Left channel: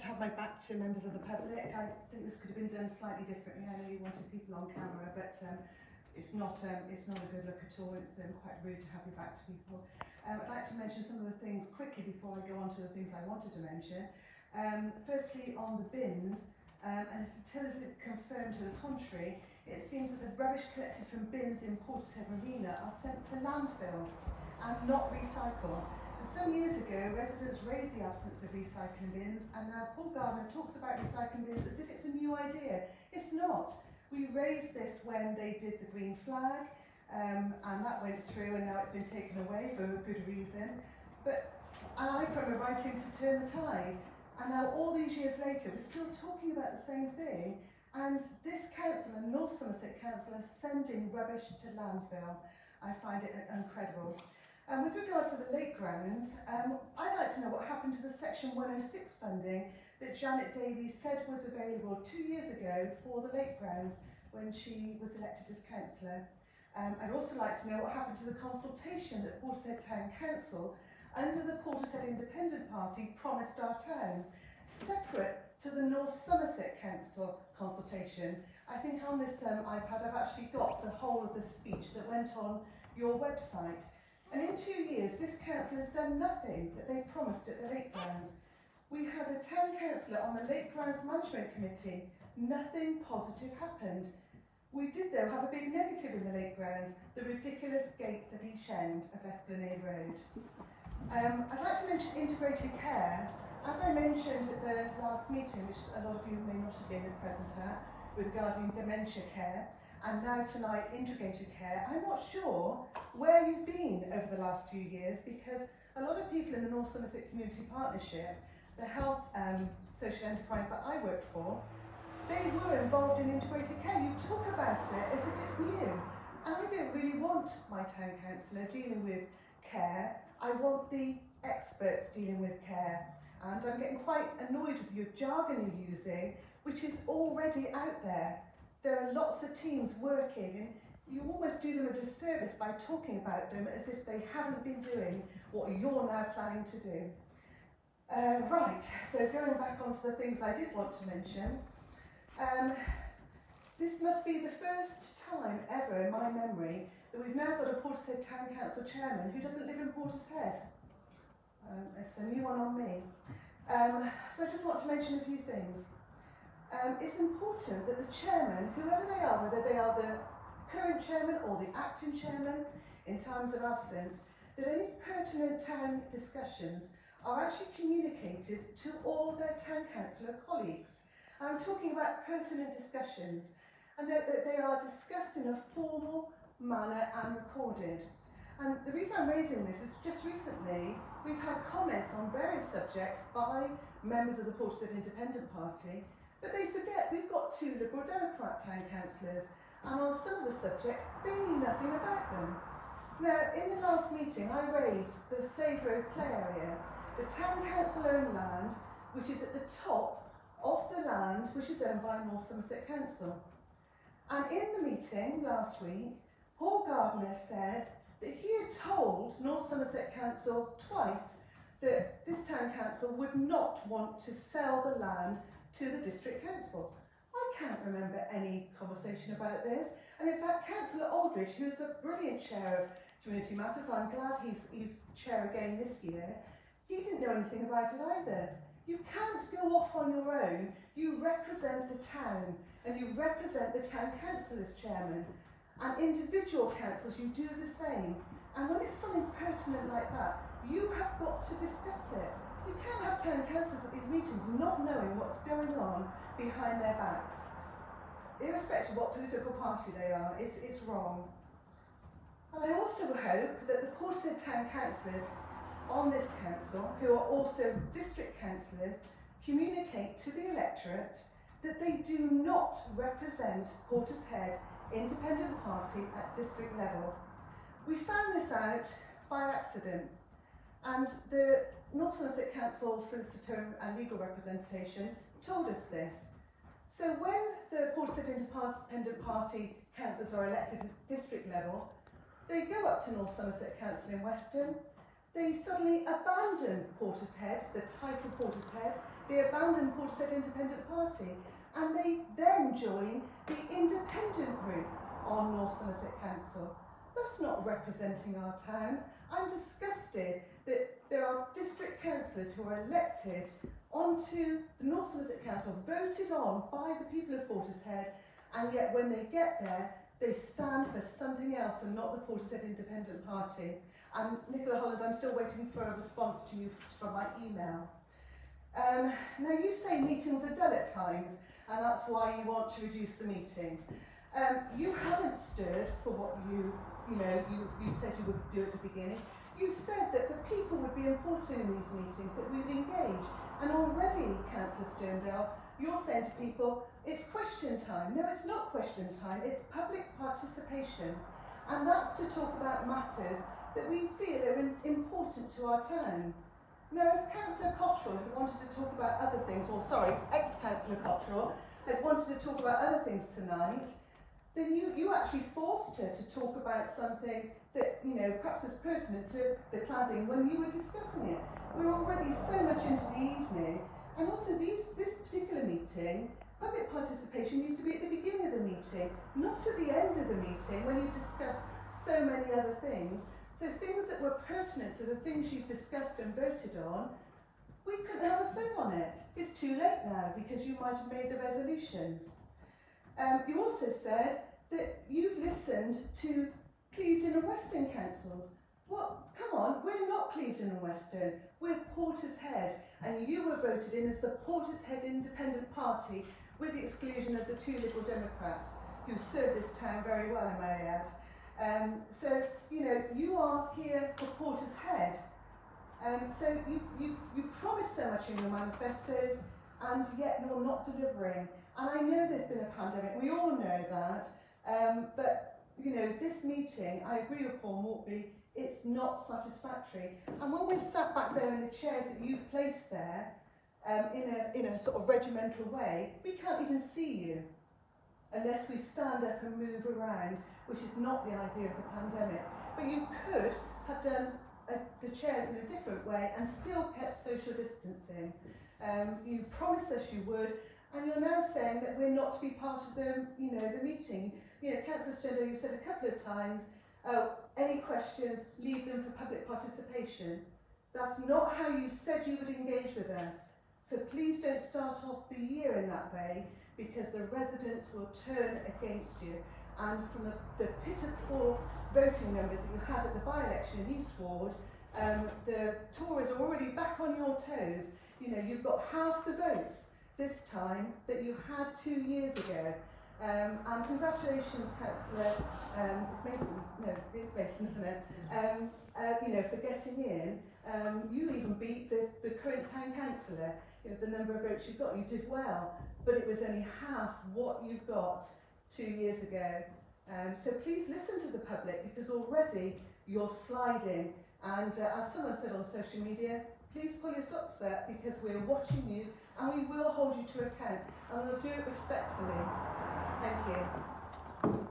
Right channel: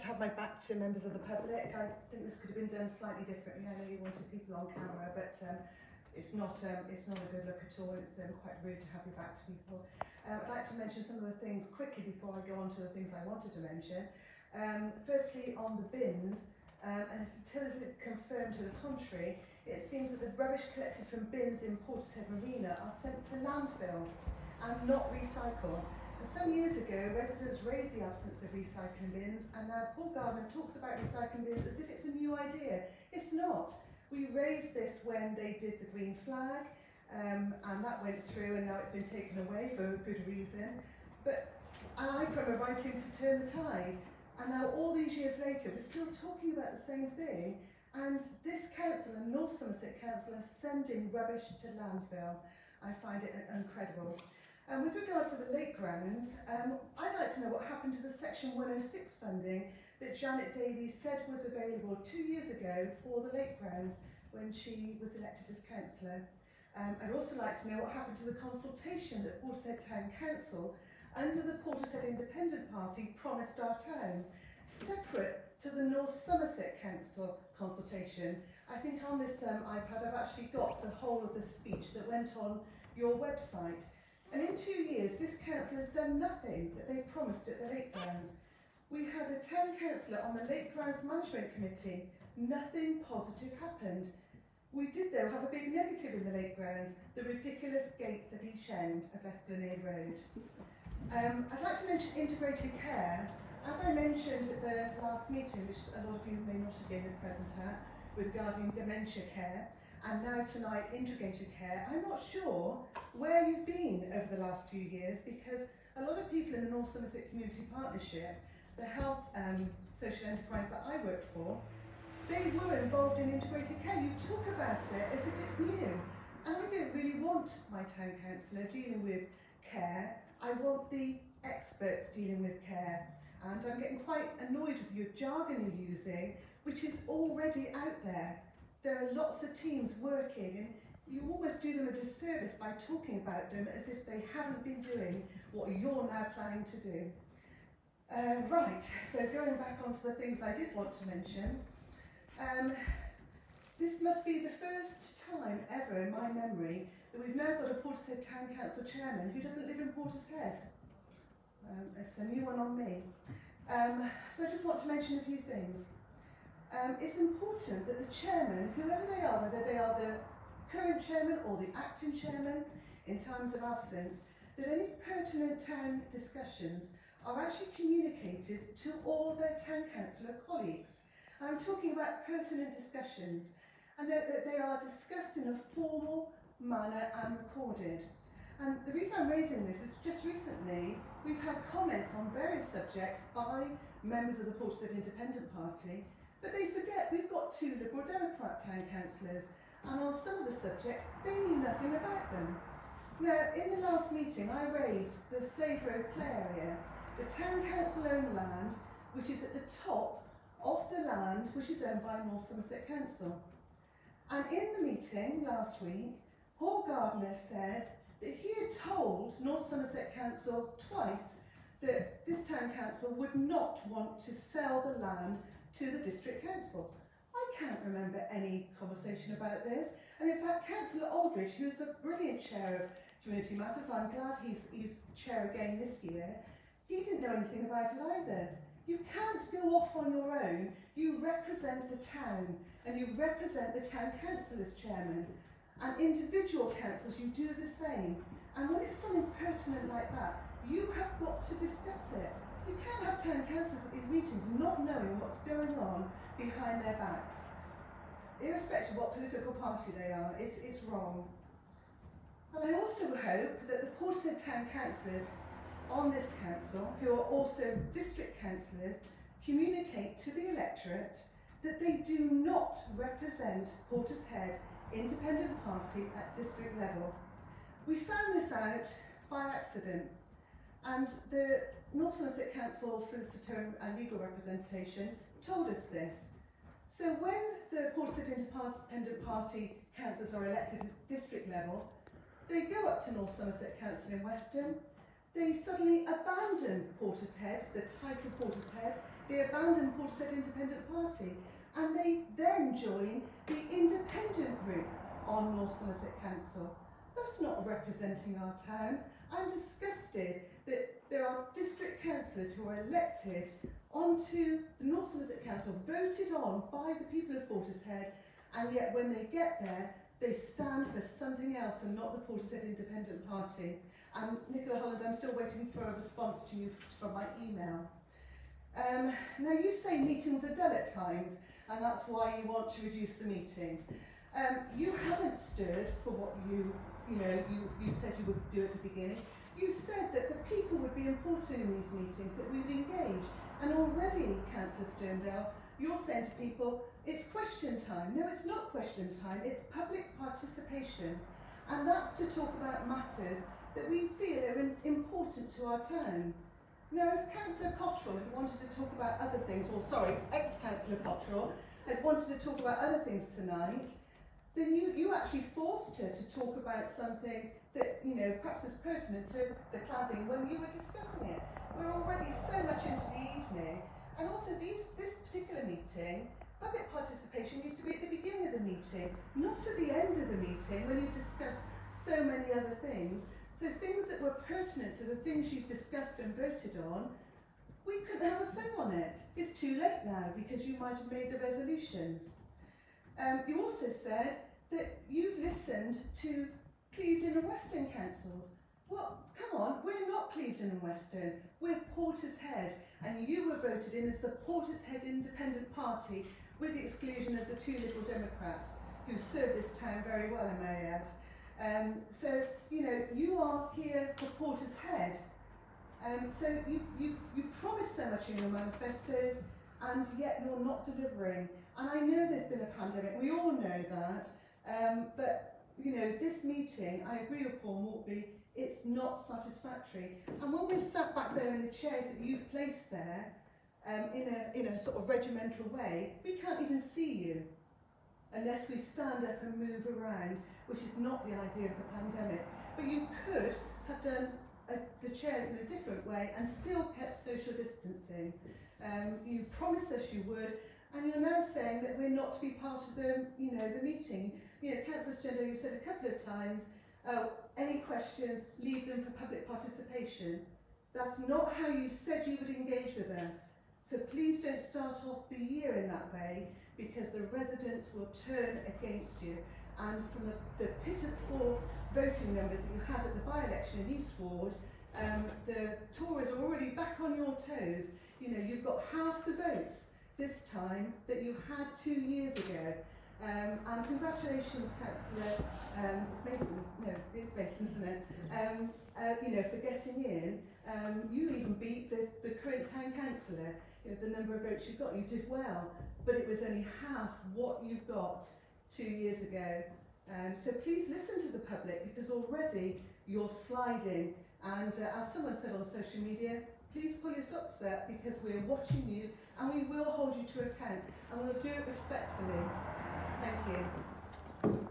to have my back to members of the public. I think this could have been done slightly differently. I know you wanted people on camera, but it's not a good look at all. It's quite rude to have your back to people. I'd like to mention some of the things quickly before I go on to the things I wanted to mention. Firstly, on the bins, and until it's confirmed to the contrary, it seems that the rubbish collected from bins in Portishead Marina are sent to landfill and not recycled. And some years ago, residents raised the absence of recycling bins, and now Paul Gardner talks about recycling bins as if it's a new idea. It's not. We raised this when they did the green flag, and that went through, and now it's been taken away for a good reason. But I remember writing to turn the tide, and now all these years later, we're still talking about the same thing. And this council, and North Somerset Council, are sending rubbish to landfill. I find it incredible. With regard to the lake grounds, I'd like to know what happened to the Section 106 funding that Janet Davies said was available 2 years ago for the lake grounds when she was elected as councillor. I'd also like to know what happened to the consultation that Portishead Town Council, under the Portishead Independent Party, promised our town, separate to the North Somerset Council consultation. I think on this iPad I've actually got the whole of the speech that went on your website. And in 2 years, this council has done nothing that they promised at the lake grounds. We had a town councillor on the Lake Grounds Management Committee. Nothing positive happened. We did, though, have a big negative in the lake grounds, the ridiculous gates at each end of Esplanade Road. I'd like to mention integrated care. As I mentioned at the last meeting, which a lot of you may not have been present at, regarding dementia care, and now tonight integrated care, I'm not sure where you've been over the last few years, because a lot of people in the North Somerset Community Partnership, the health social enterprise that I worked for, they were involved in integrated care. You talk about it as if it's new. And I don't really want my town councillor dealing with care. I want the experts dealing with care. And I'm getting quite annoyed with your jargon you're using, which is already out there. There are lots of teams working, and you almost do them a disservice by talking about them as if they haven't been doing what you're now planning to do. Right, so going back onto the things I did want to mention, this must be the first time ever in my memory that we've now got a Portishead Town Council chairman who doesn't live in Portishead. It's a new one on me. So I just want to mention a few things. It's important that the chairman, whoever they are, whether they are the current chairman or the acting chairman in times of absence, that any pertinent town discussions are actually communicated to all their town councillor colleagues. I'm talking about pertinent discussions, and that they are discussed in a formal manner and recorded. And the reason I'm raising this is just recently we've had comments on various subjects by members of the Portishead Independent Party, but they forget we've got 2 Liberal Democrat town councillors, and on some of the subjects they knew nothing about them. Now, in the last meeting I raised the Slade Road play area, the town council owned land, which is at the top of the land which is owned by North Somerset Council. And in the meeting last week, Paul Gardner said that he had told North Somerset Council twice that this town council would not want to sell the land to the district council. I can't remember any conversation about this. And in fact, Councillor Aldridge, who's a brilliant chair of Community Matters, I'm glad he's chair again this year, he didn't know anything about it either. You can't go off on your own. You represent the town, and you represent the town council as chairman. And individual councils, you do the same. And when it's something pertinent like that, you have got to discuss it. You can't have town councillors at these meetings not knowing what's going on behind their backs. Irrespective of what political party they are, it's wrong. And I also hope that the Portishead town councillors on this council, who are also district councillors, communicate to the electorate that they do not represent Portishead Independent Party at district level. We found this out by accident, and the North Somerset Council solicitor and legal representation told us this. So when the Portishead Independent Party councillors are elected at district level, they go up to North Somerset Council in Weston, they suddenly abandon Portishead Portishead, the title Portishead, they abandon Portishead Independent Party, and they then join the independent group on North Somerset Council. That's not representing our town. I'm disgusted that there are district councillors who are elected onto the North Somerset Council, voted on by the people of Portishead, and yet when they get there, they stand for something else and not the Portishead Independent Party. And Nicola Holland, I'm still waiting for a response to you from my email. Now you say meetings are dull at times, and that's why you want to reduce the meetings. You haven't stood for what you said you would do at the beginning. You said that the people would be important in these meetings, that we'd engage. And already, Councillor Sterndale, you're saying to people, it's question time. No, it's not question time, it's public participation. And that's to talk about matters that we feel are important to our town. Now, if Councillor Cottrell had wanted to talk about other things, or sorry, ex-Councillor Cottrell had wanted to talk about other things tonight, then you actually forced her to talk about something that, perhaps is pertinent to the cladding when you were discussing it. We're already so much into the evening, and also this particular meeting, public participation needs to be at the beginning of the meeting, not at the end of the meeting when you've discussed so many other things. So things that were pertinent to the things you've discussed and voted on, we couldn't have a say on it. It's too late now because you might have made the resolutions. You also said that you've listened to Clevedon and Western councils. Well, come on, we're not Clevedon and Western, we're Portishead, and you were voted in as the Portishead Independent Party with the exclusion of the two Liberal Democrats who served this town very well, I may add. So, you are here for Portishead. So you promised so much in your manifestos, and yet you're not delivering. And I know there's been a pandemic, we all know that, but this meeting, I agree with Paul Maltby, it's not satisfactory. And when we're sat back there in the chairs that you've placed there, in a sort of regimental way, we can't even see you unless we stand up and move around, which is not the idea of the pandemic. But you could have done the chairs in a different way and still kept social distancing. You promised us you would, and you're now saying that we're not to be part of the meeting. Councillor Sterndale, you said a couple of times, any questions, leave them for public participation. That's not how you said you would engage with us. So please don't start off the year in that way, because the residents will turn against you. And from the pitiful voting numbers that you had at the by-election in East Ward, the Tories are already back on your toes. You've got half the votes this time that you had 2 years ago. And congratulations, Councillor, it's Mason, isn't it? For getting in. You even beat the current town councillor. The number of votes you got, you did well, but it was only half what you got 2 years ago. So please listen to the public, because already you're sliding. And as someone said on social media, please pull your socks up, because we're watching you and we will hold you to account, and we'll do it respectfully. Thank you.